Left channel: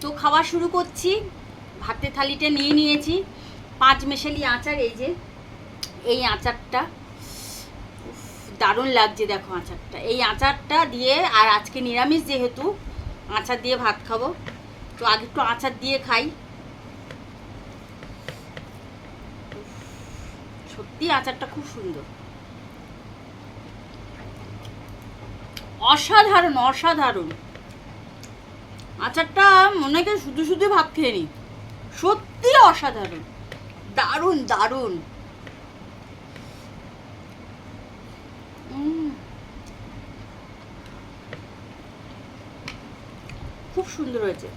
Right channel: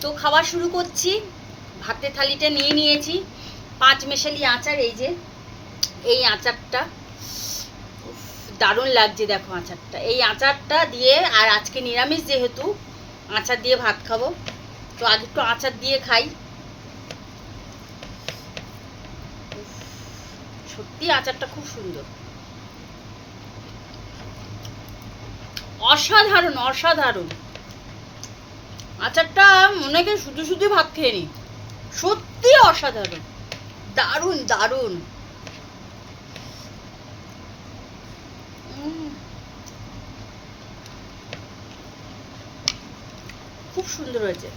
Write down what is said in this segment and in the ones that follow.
তো খাওয়া শুরু করছি। ভাতের থালিটা নিয়ে নিয়েছি, 5 মেশালি আচার। এই যে এই আচারটা দারুণ লাগছে, দেখো আচারটা। এই আচারটা দিয়ে, আর আজকে নিরামিষ যেহেতু, আচার দিয়ে ভাত খাবো। তো আগে একটু আচার দিয়ে খাই। সত্যি আচারটা খুব সুন্দর, অসাধারণ অসাধারণ আচারটা। মনে হয় শুধু শুধু ভাত খেয়ে নি, সত্যি অসাধারণ, দারুণ দারুণ। খুব সুন্দর হয়েছে।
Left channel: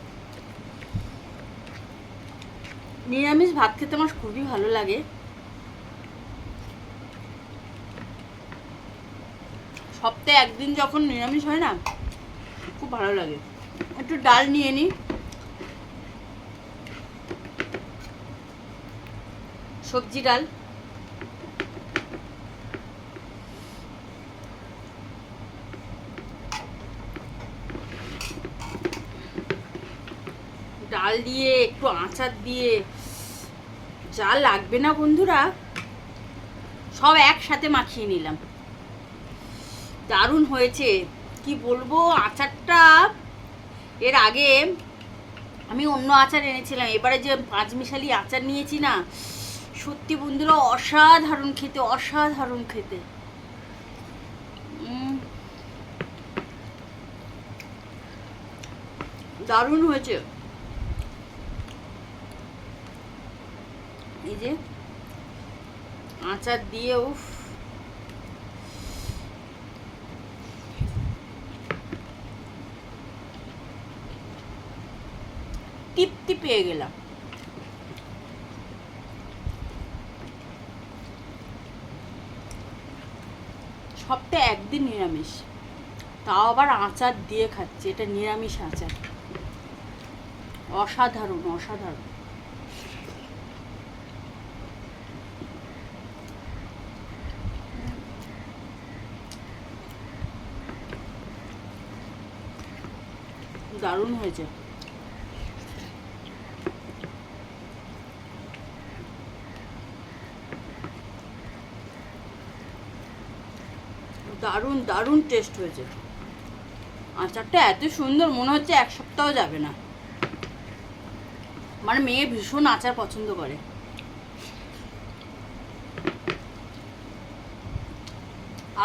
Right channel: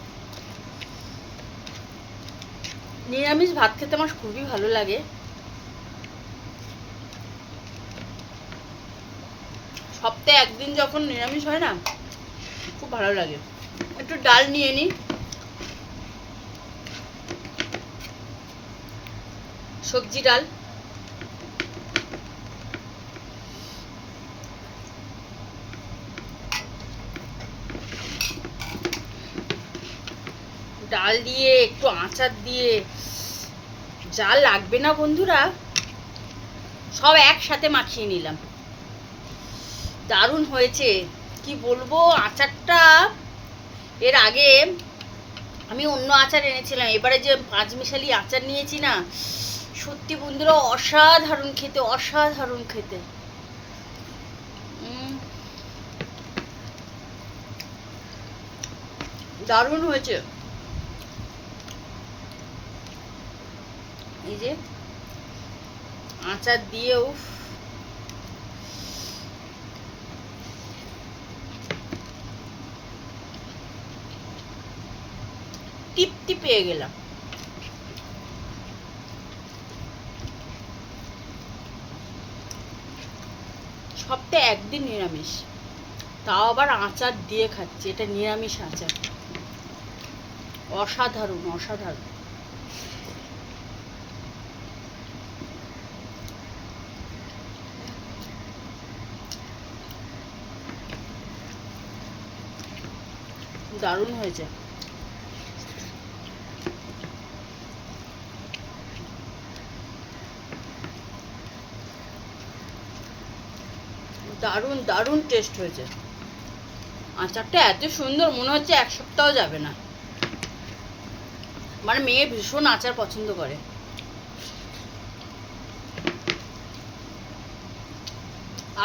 নিরামিষ ভাত খেতে আমার খুবই ভালো লাগে। সপ্তাহে একদিন যখন নিরামিষ হয় না, খুব ভালো লাগে। একটু ডাল নিয়ে নিই, সবজি ডাল। ডাল দিয়ে একটু আচার দিয়ে যা লাগবে না বন্ধুরা, সব একসাথে মাখিয়ে নিলাম। দারুণ হয়েছে, কি বলবো। আচারটা এর আগে আমি অন্য আচার এনেছিলাম, এবারে যে 5 মিশালি আচার নিয়েছি না, সত্যি বন্ধুরা অসাধারণ খেতে, অসাধারণ খেতে। দারুণ হয়েছে। এই যে আচার দিয়ে, উফ, তৃপ্তি পেয়ে গেলাম। সপ্তাহে একদিন নিরামিষ, তাও আবার আচার দিয়ে খাচ্ছি। এটা নিরামিষ আচার, অসাধারণ অসাধারণ। দারুণ হয়েছে। দারুণ দারুণ টেস্ট হয়েছে। আচারটা এত সুন্দর, মনে হচ্ছে 1 সপ্তাহ যাবে না। মানে মেয়ে ভীষণ আচার পছন্দ করে।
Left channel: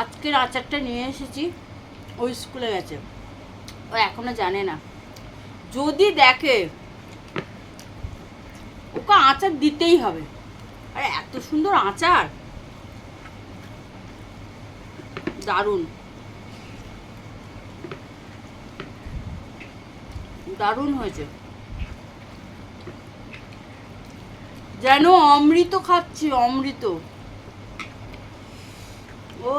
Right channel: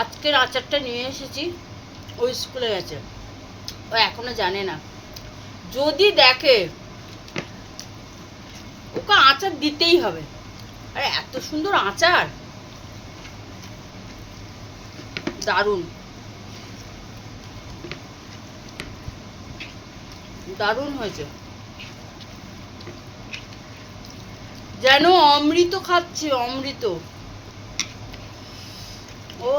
আজকের আচারটা নিয়ে এসেছি, ওই স্কুলে গেছে, ও এখনো জানে না। যদি দেখে, ওকে আচার দিতেই হবে। আরে এত সুন্দর আচার, দারুণ দারুণ হয়েছে, যেন অমৃত খাচ্ছি, অমৃত। ও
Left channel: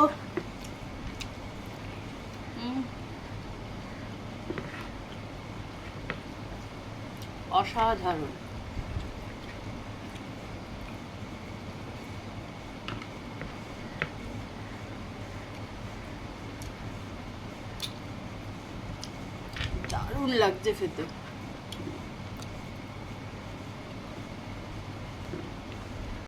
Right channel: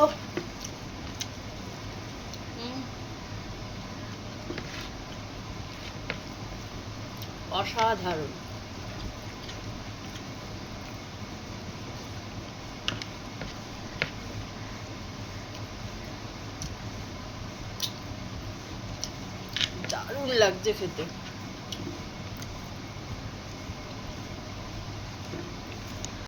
অসাধারণ। দারুণ লাগছে খেতে।